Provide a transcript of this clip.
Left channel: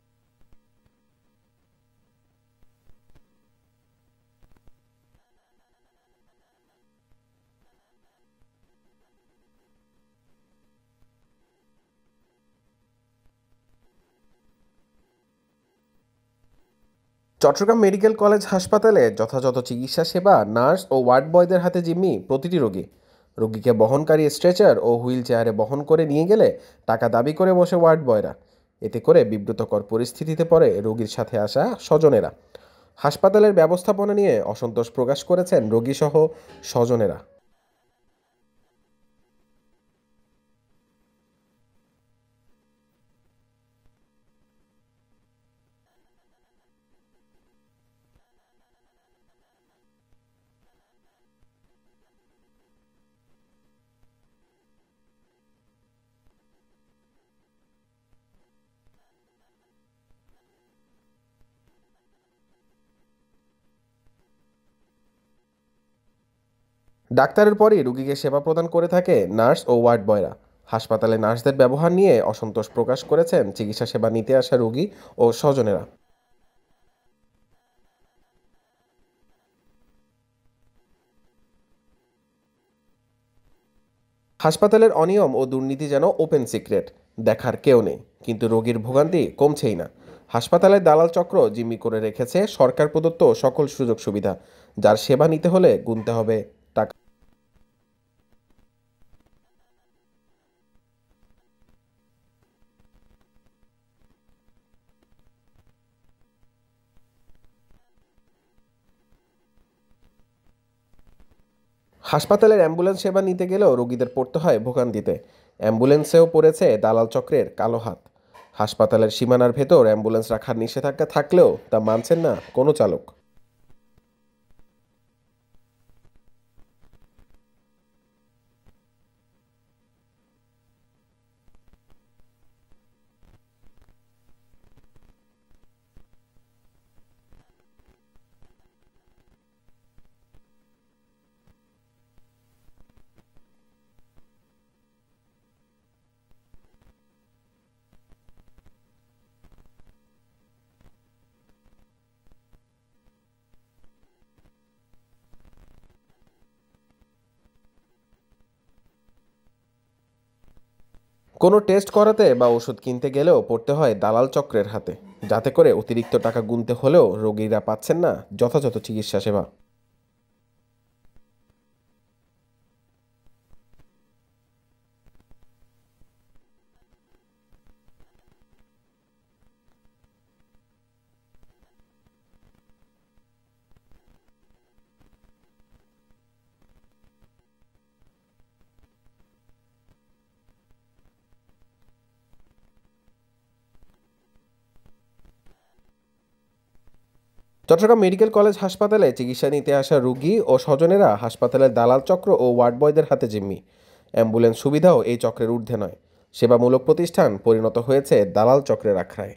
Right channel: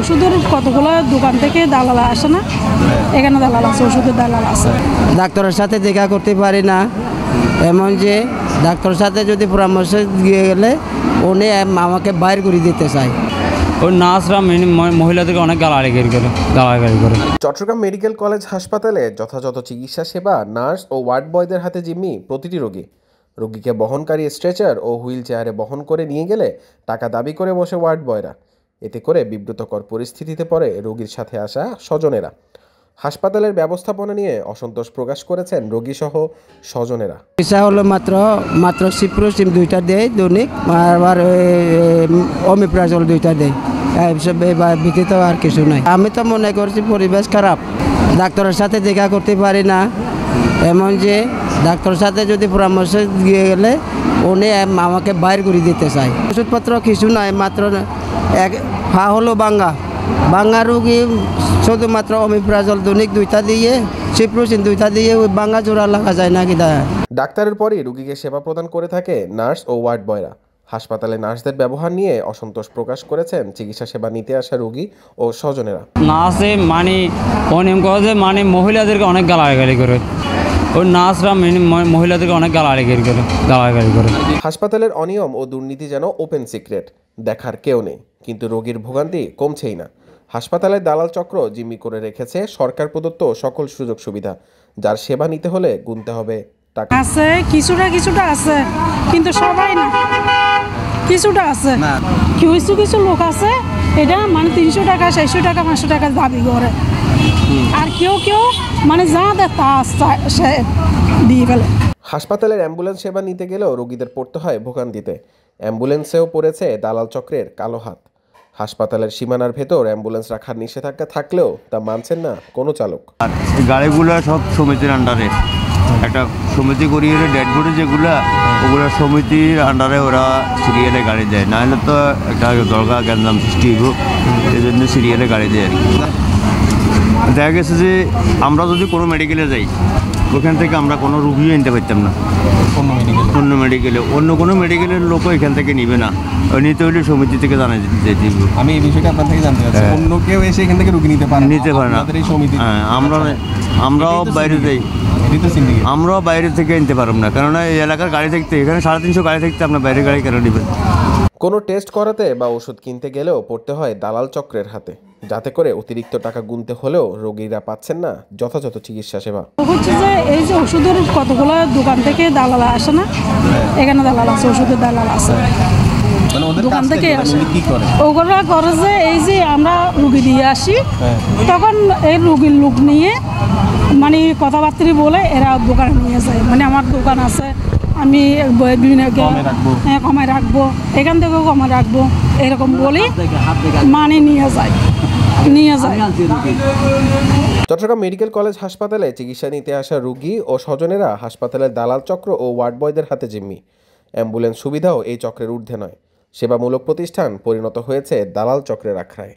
ওষুধের কতগুলো দোকান থেকে দালাল আসে না, এখানে দালাল আছে, ওষুধের দালাল আছে। ডাক্তারের সাথে দেখা করতে পারি না, এমন যে ডাক্তারের সাথে যদি পরামর্শ দিয়ে গেলে উনি আমাকে বাইর করে দিতে চায়। ওই নার্সরা মহিলাদেরকে অনেক গালাগালি করে। চট্টগ্রাম মেডিকেল কলেজ হাসপাতালে যথাযথ চিকিৎসা সেবা, নার্স ও ওয়ার্ড বয়দের হাতে জিম্মি প্রতিটি রোগী। রোগীকে বহনকারী স্ট্রেচার ও হুইল চেয়ারে বহন করে নিয়ে গেলে টাকা দাবি করে বসে ওয়ার্ড বয়রা। এতে করে বিব্রতকর পরিস্থিতিতে পড়ে রোগীর সাথে আসা স্বজনেরা। হাসপাতালের ব্যবস্থাপনা নিয়ে অসন্তোষ প্রকাশ করেছেন রোগীসহ স্বজনেরা। চিকিৎসা হলো মাত্র সিপ্রোসিম 2টা দেয় দৈনিক, আবার অমিপ্রাজল 2টা দেয়, ব্যতীত আর কিছু নাই। আমি তো মনে করছি পরিবেশ খারাপ, ডাক্তারের সাথে দেখা করতে পারি না, এমন যে ডাক্তারের সাথে যদি পরামর্শ দিয়ে গেলে উনি আমাকে বাইর করে দিতে চায়। ওষুধপত্র কিছু নাই, মাত্র এক পা হলো বাঙ্গা রুগী, শুধুমাত্র অমিপ্রাজল দৈনিক 2টা দিয়ে, সিপ্রোসিন 2টা দিয়ে ওই বাঙ্গা জোড়া লাগা যায় না কিনা। ডাক্তারের পরই রোগীকে সেবা প্রদান করে থাকে নার্স ও ওয়ার্ড বয়রা। হাসপাতালে নার্সদের ব্যবহার নিয়ে অসন্তোষ প্রকাশ করেছেন চিকিৎসা সেবা নিতে আসা রোগী ও স্বজনেরা। নার্সে অনিয়ম করে যে মহিলাদেরকে অনেক গালাগালি করে। ওই নার্সরা মহিলাদেরকে অনেক গালাগালি করে। হাসপাতালের অনিয়ম ও দুর্নীতি যেন ওপেন সিক্রেট, দেখার কেউ নেই, কিন্তু রোগীর ভোগান্তি কমছেই না। হাসপাতালের দালাল চক্র জিম্মি করে রেখেছে সরকার প্রদত্ত সকল সুযোগ সুবিধা, যার সেবা নিতে হলে গুনতে হবে টাকা। আছে কিছুটা আছে, কিন্তু সবাই না, কিছুটা আছে। কিছু লোক আছে এটা 300 টাকা 400 টাকা 500 টাকা দাবি করে, আর কেউ যা দেয় তা সে দিয়ে ফেলে। হাসপাতালের অ্যাম্বুলেন্স সেবা নিতে গেলেও রোগীদের পড়তে হয় ভোগান্তিতে। অ্যাম্বুলেন্সেও পড়েছে দালাল চক্রের কালো হাত। হাসপাতালের সীমানার ভেতর অ্যাম্বুলেন্স রাখার নিষেধাজ্ঞা থাকলেও তা মানছেন না কোনো চালক। আর গাড়িগুলো সব সমিতির আন্ডারে, একটা সমিতি করিয়ে ডেড বডি যেগুলো, ওগুলো সমিতির আন্ডারে ওরা সিরিয়ালে গাড়ি দেয়, নাহলে তো একটা দরকার গ্যাঞ্জাম সৃষ্টি হইব, এই জন্য সিরিয়ালে গাড়ি দেয় আর কি। দেখা গেছে যে আমরা যদি কোনো মেডিকেলে যাই, ওখান থেকে আমরা কোনো রুগীও নিতে পারতাম না। অন্য কোনো মেডিকেলের লোকও এখান থেকে নিবে না, নিতে হলে সমিতি থেকে জানাই দিতে হবে। আমি এই বিষয়টা আপনার থেকে জানতে চাচ্ছি, অন্য কেউ এসে এখান থেকে রুগী নিতে পারে না? হ্যাঁ, আমরাও বাইরে যাই, আমরাও বাইরে থেকে নিতে পারব না, কেননা এই এলাকার গাড়ি থাকতে, এখানে 350 গাড়ি থাকতে আপনার বাইরের গাড়ি কেন নেবেন? কোনো টেস্ট করাতে বা ওষুধ কিনতে গেলেও পড়তে হয় দালাল চক্রের হাতে, যাতে করে অতিরিক্ত টাকা গুনতে হলেও রোগীরা পাচ্ছেন না যথাযথ চিকিৎসা সেবা। হচ্ছে যে এই যে ওষুধের কতগুলো দোকান থেকে দালাল আসে না, এখানে দালাল আছে, ওষুধের দালাল আছে, দোকান থেকে আসে। ওগুলো করে যে এই যে আমরা রুগী দিয়ে আসি, তখন এই রুগীর লোক নিয়ে কথাবার্তা বলে এরা দোকানে নিয়ে যায়। আমার দোকান আছে, আমি কমায় রাখবো, এখান থেকেও কমায় রাখবো, এরকম বলি নিয়ে যায়। চট্টগ্রাম মেডিকেল কলেজ হাসপাতালে চিকিৎসা নিতে আসা রোগী ও স্বজনেরা হাসপাতালের দালাল চক্র ও ওয়ার্ড বয়দের হাতে জিম্মি। অ্যাম্বুলেন্স সুবিধাও এই চক্রের ঊর্ধ্বে নয়। সেবামূলক প্রতিষ্ঠান পরিণত হয়েছে দালাল চক্রের আখড়ায়।